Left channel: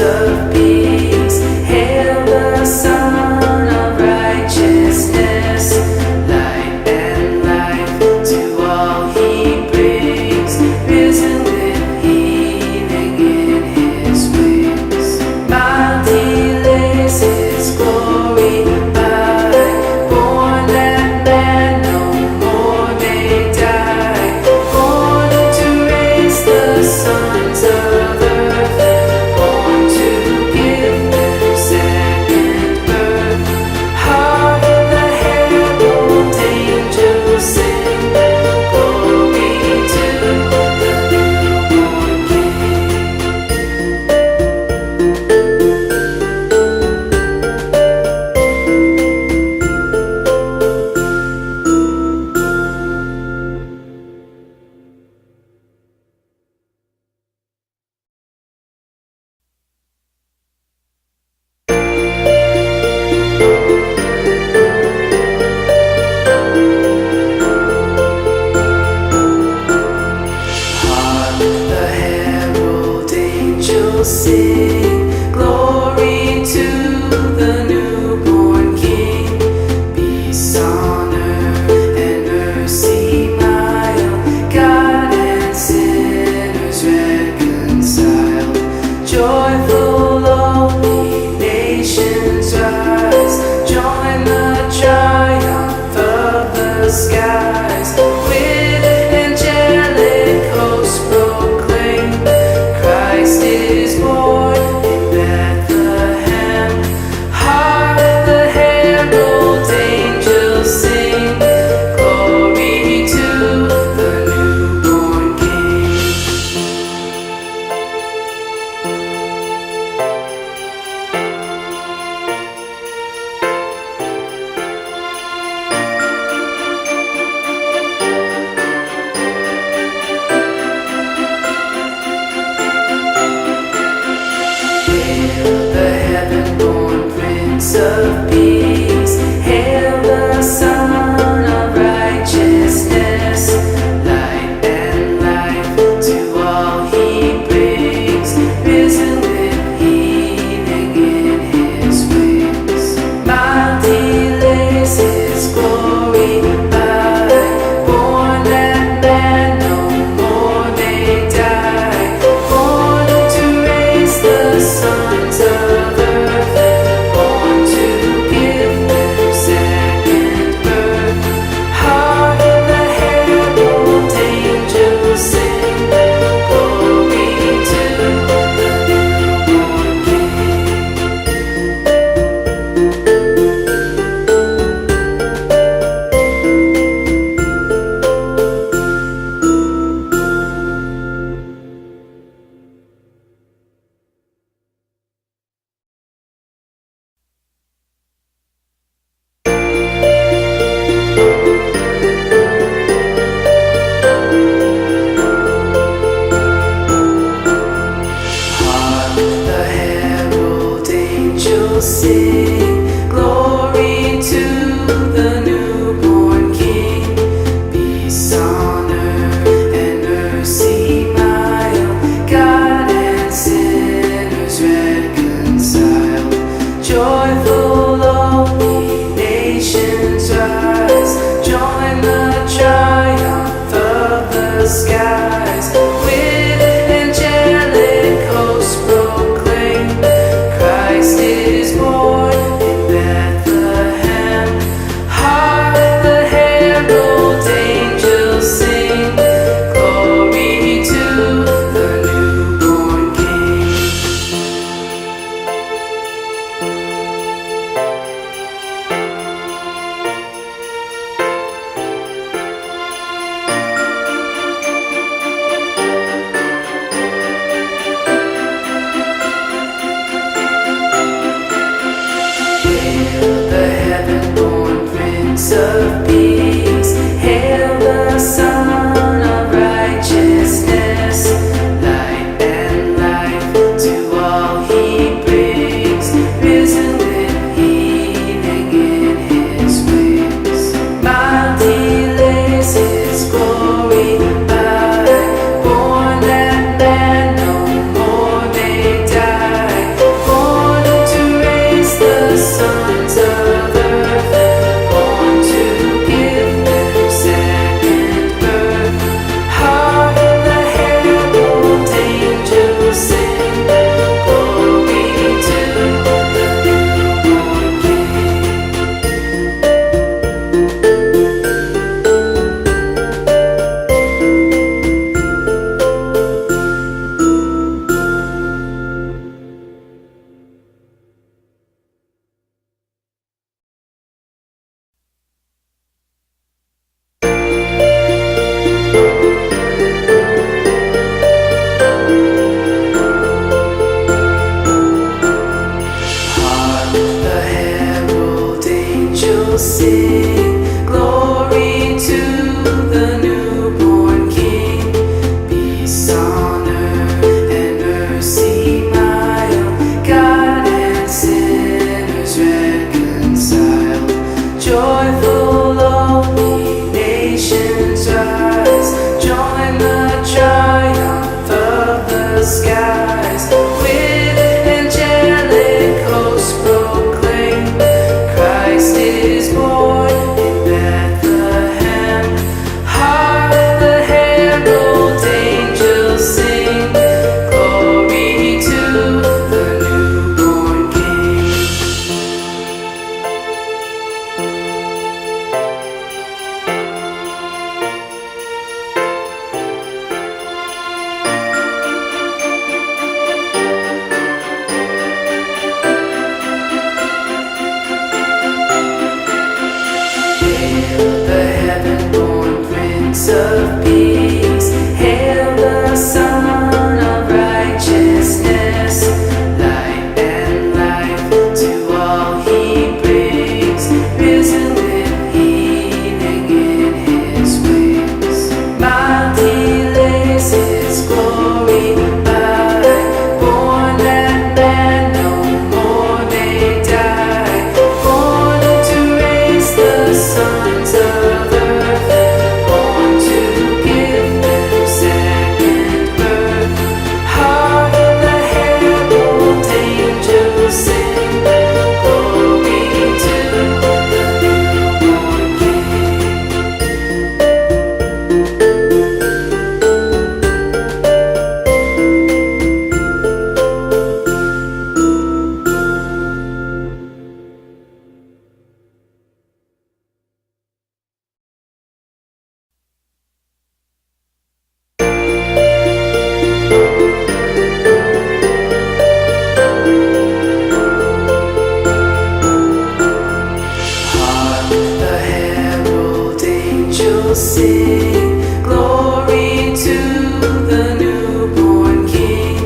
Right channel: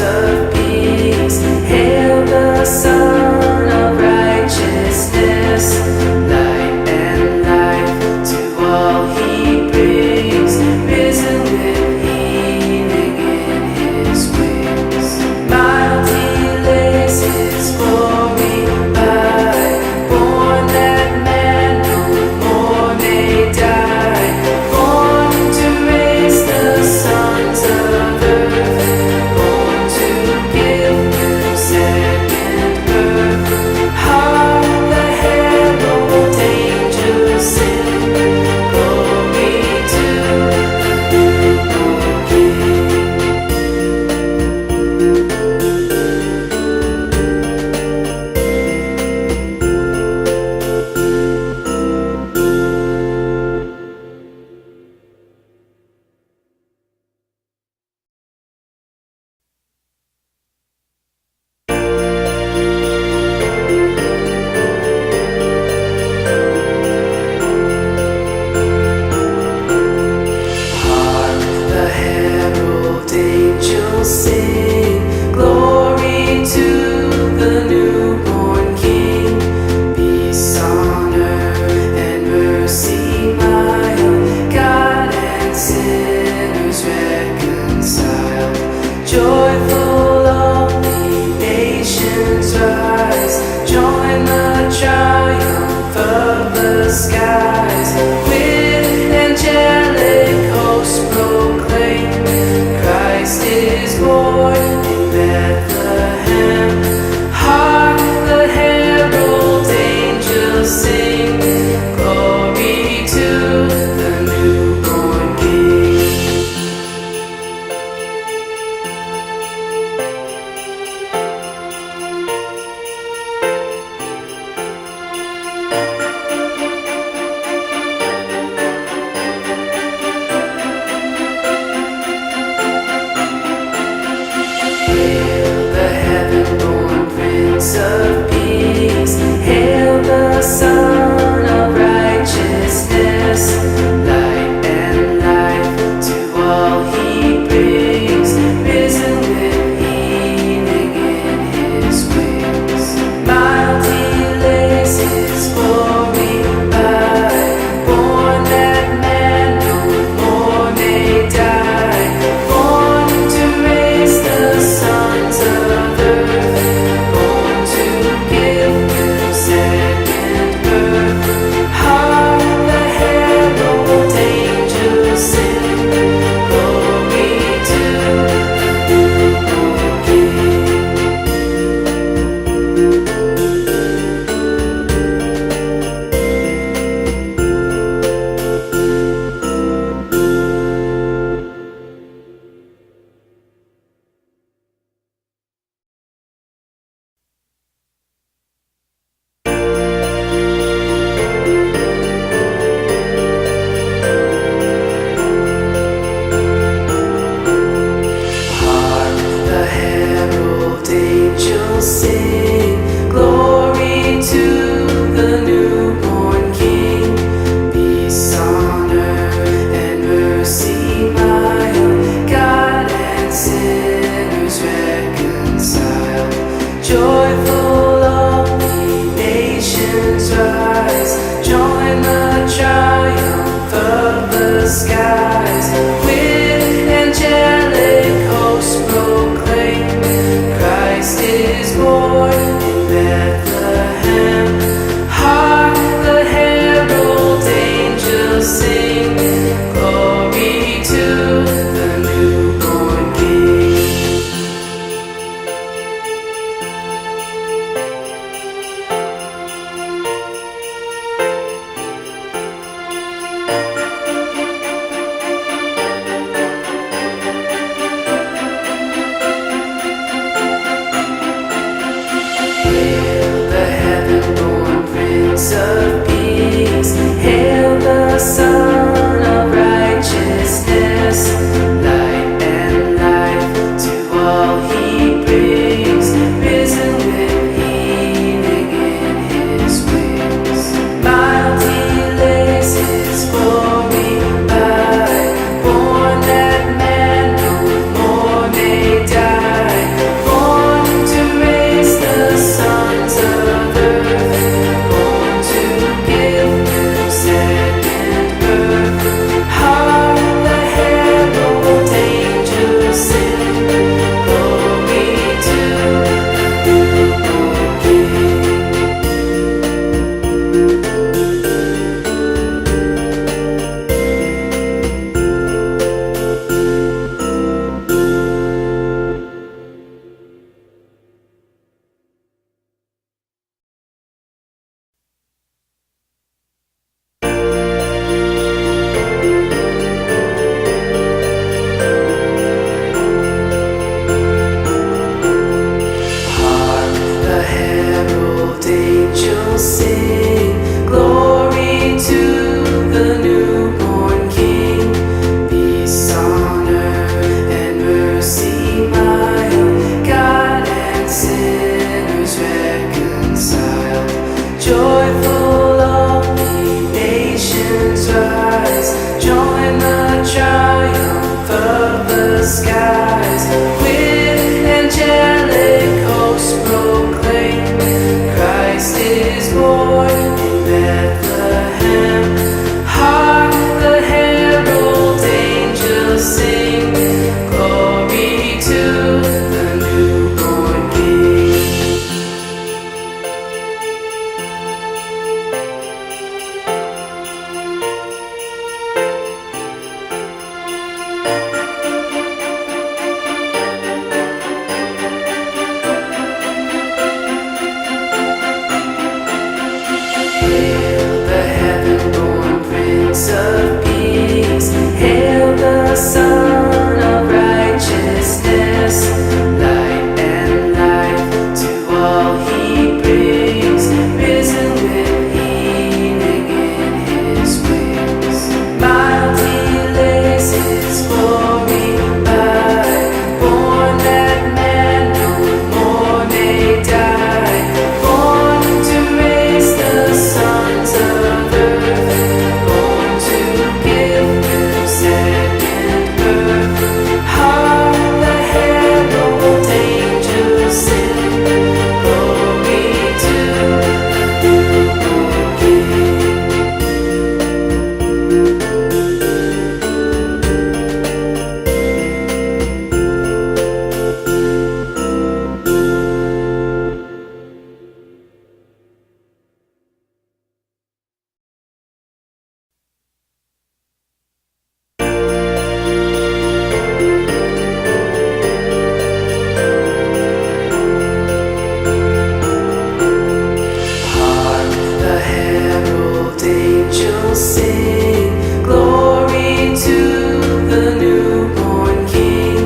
of Peace. Hail the Son of Righteousness, light and life to all He brings, risen with healing in His wings. Mild He lays His glory by, born that man no more may die, born to raise the sons of earth, born to give them second birth. Hark the herald angels sing, glory to the newborn King. Hark the herald angels sing, glory to the newborn King. Peace on earth and mercy mild, God and sinners reconciled. Joyful all the nations rise, join the triumph of the skies. With angelic hosts proclaim, Christ is born in Bethlehem. Hark the herald angels sing, glory to the newborn King. Hail the heaven-born Prince of Peace. Hail the Son of Righteousness, light and life to all He brings, risen with healing in His wings. Mild He lays His glory by, born that man no more may die, born to raise the sons of earth, born to sing glory to the newborn King. Hark the herald angels sing glory to the newborn King. Peace on earth and mercy mild, God and sinners reconciled. Joyful all ye nations rise, join the triumph of the skies. With angelic hosts proclaim, Christ is born in Bethlehem. Hark the herald angels sing glory to the newborn King. Hail the heaven-born Prince of Peace, hail the Son of Righteousness. Light and life to all he brings, risen with healing in his wings. Mild he lays his glory by, born that man no more may die, born to raise the sons of earth, born to give them second birth. Hark the herald angels sing glory to the newborn King. Hark the herald angels sing glory to the newborn King.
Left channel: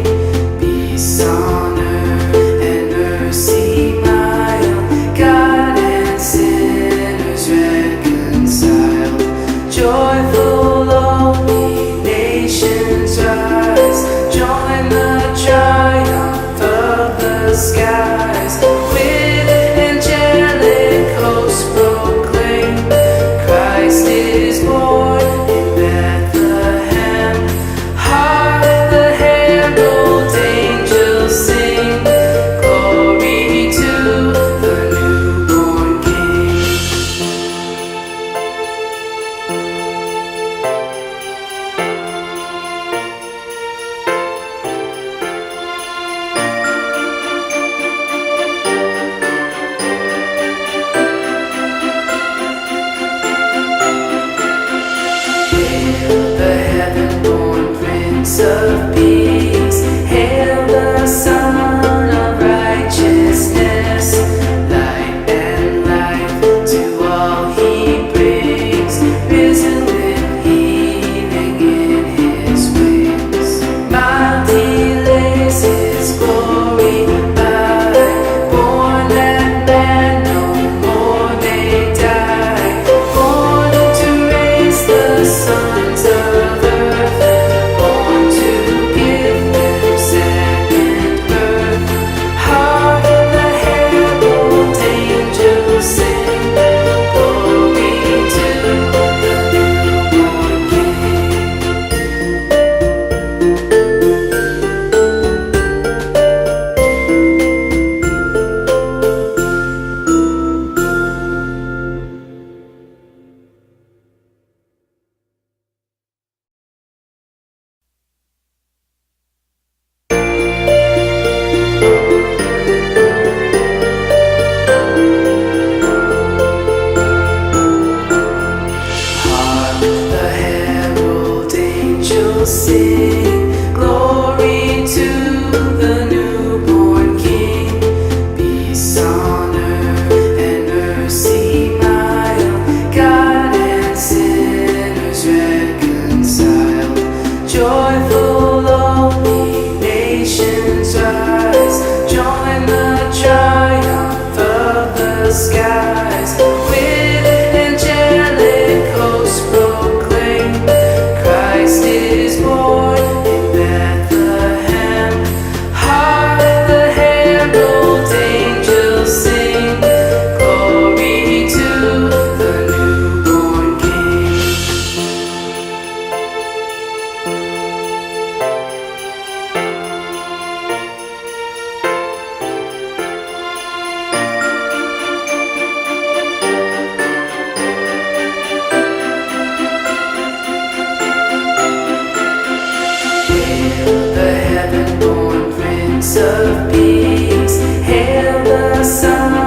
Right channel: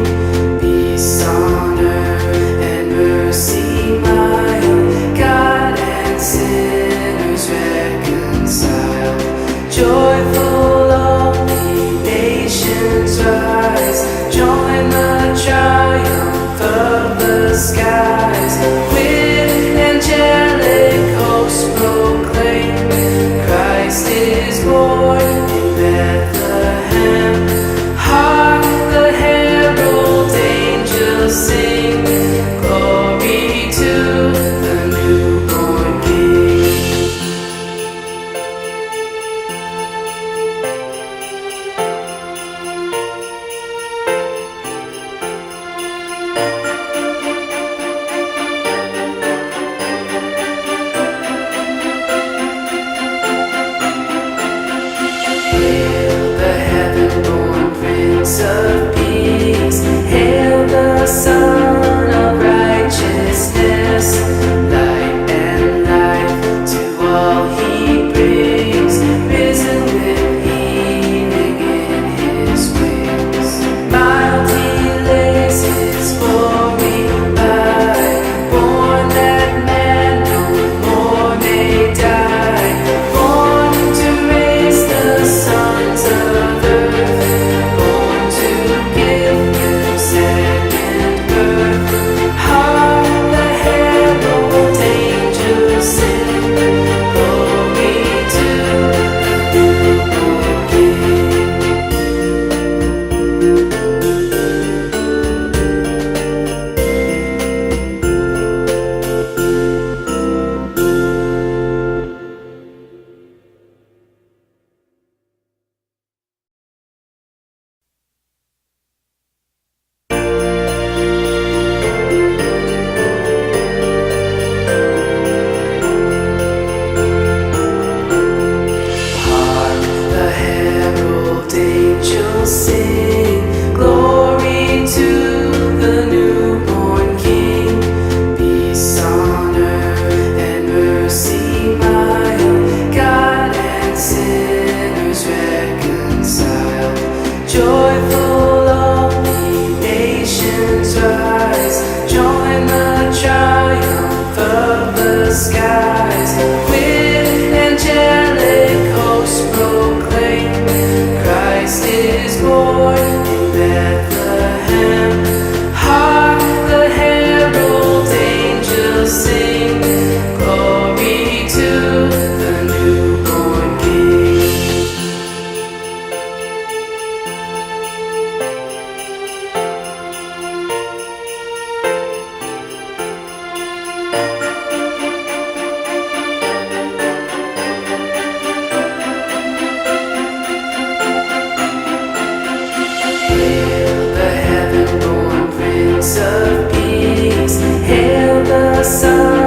Peace on earth and mercy mild, God and sinners reconciled. Joyful all ye nations rise, join the triumph of the skies. With angelic hosts proclaim, Christ is born in Bethlehem. Hark the herald angels sing glory to the newborn King. Hail the heaven-born Prince of Peace, hail the Son of Righteousness. Light and life to all he brings, risen with healing in his wings. Mild he lays his glory by, born that man no more may die, born to raise the sons of earth, born to give them second birth. Hark the herald angels sing glory to the newborn King. Prince of Peace. Hail the Son